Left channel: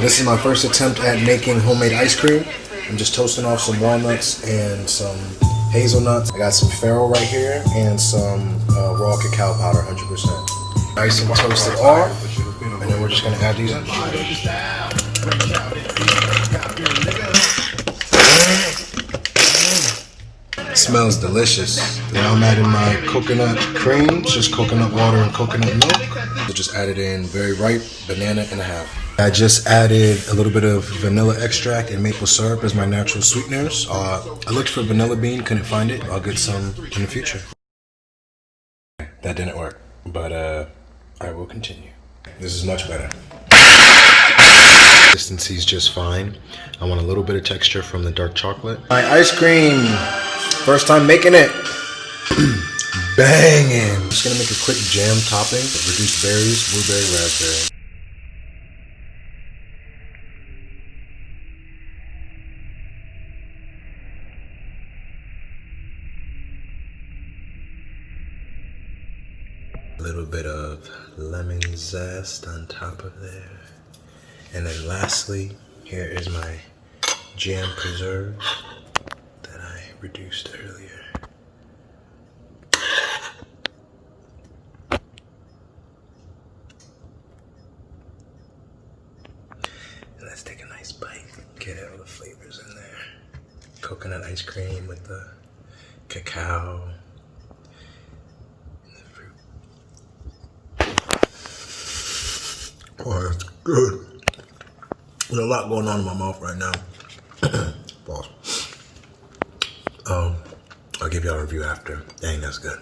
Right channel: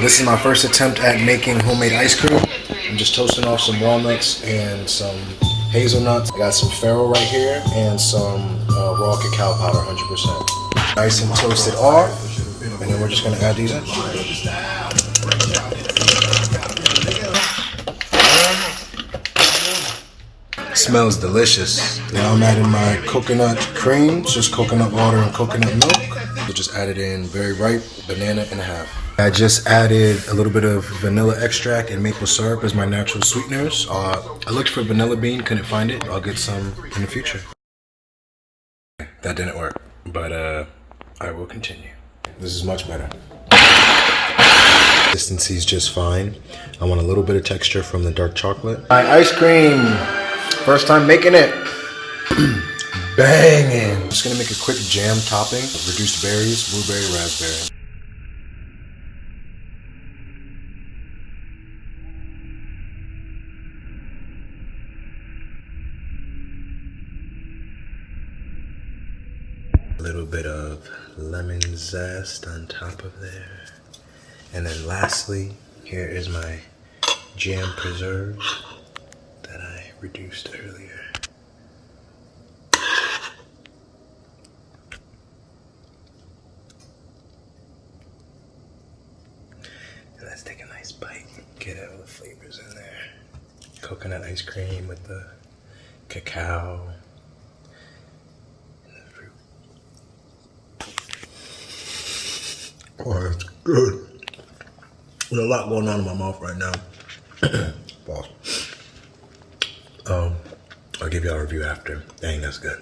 This is my first attempt at making homemade ice cream. I'm just toasting off some walnuts and some hazelnuts. I got some farro right here and some raw cacao powder, 100%. Nice and toasted off, and then we're just gonna add these in. It smells delicious. Now I'm adding my coconut cream, just coconut water and coconut milk. I just added in very ripe banana and a half. I just added a little bit of vanilla extract and maple syrup as my natural sweeteners. I looked for vanilla bean, couldn't find it. I'll get some in the future. That didn't work, but I will continue. This is much better. Consistency is just fine. I want a little bit of texture from the dark chocolate. My ice cream, first time making it. Banging. Just gonna make a quick jam topping of reduced berries, blueberry, raspberry. A little bit of lemon zest on top of there. And then lastly, here is my jam preserves that I reduced earlier. And let's take a nice bite, get all the flavors in there. Coconut ice cream with the cacao. Oh, that's good. There's a lot going on in my mouth right now. Pause. I'll give y'all a review after. Dang, that's good.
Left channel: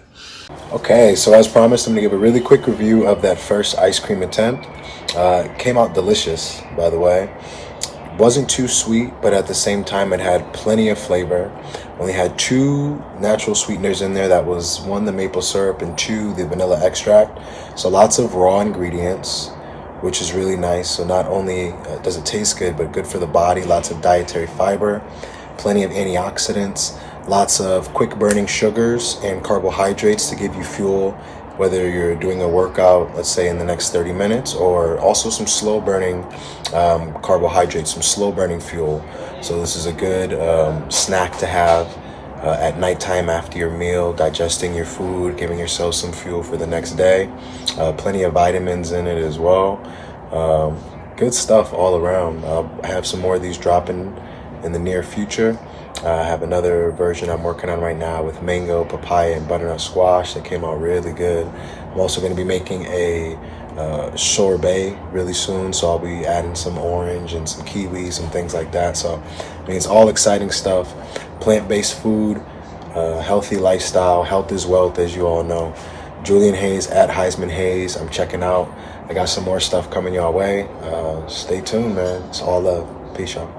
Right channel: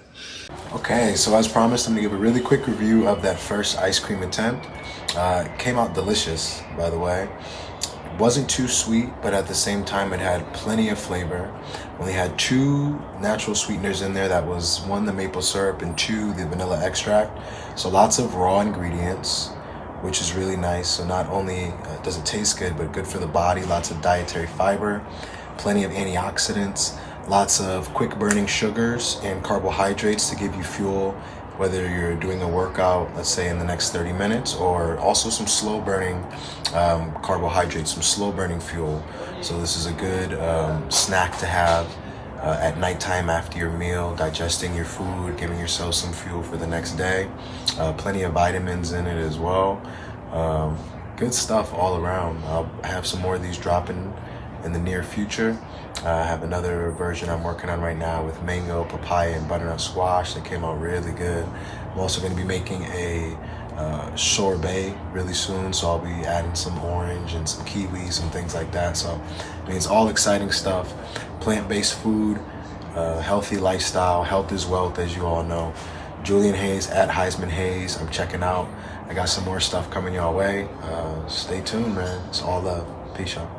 Okay, so as promised, I'm gonna give a really quick review of that first ice cream attempt. It came out delicious, by the way. Wasn't too sweet, but at the same time, it had plenty of flavor. Only had 2 natural sweeteners in there. That was 1, the maple syrup, and 2, the vanilla extract. So lots of raw ingredients, which is really nice. So not only does it taste good, but good for the body. Lots of dietary fiber, plenty of antioxidants, lots of quick burning sugars and carbohydrates to give you fuel, whether you're doing a workout, let's say in the next 30 minutes, or also some slow burning carbohydrates, some slow burning fuel. So this is a good snack to have at nighttime after your meal, digesting your food, giving yourself some fuel for the next day. Plenty of vitamins in it as well. Good stuff all around. I have some more of these dropping in the near future. I have another version I'm working on right now with mango, papaya, and butternut squash that came out really good. I'm also going to be making a sorbet really soon, so I'll be adding some orange and some kiwis and things like that. So I mean, it's all exciting stuff. Plant-based food, healthy lifestyle. Health is wealth, as you all know. Julian Hayes at Heisman Hayes. I'm checking out. I got some more stuff coming your way. Stay tuned, man. It's all love. Peace, y'all.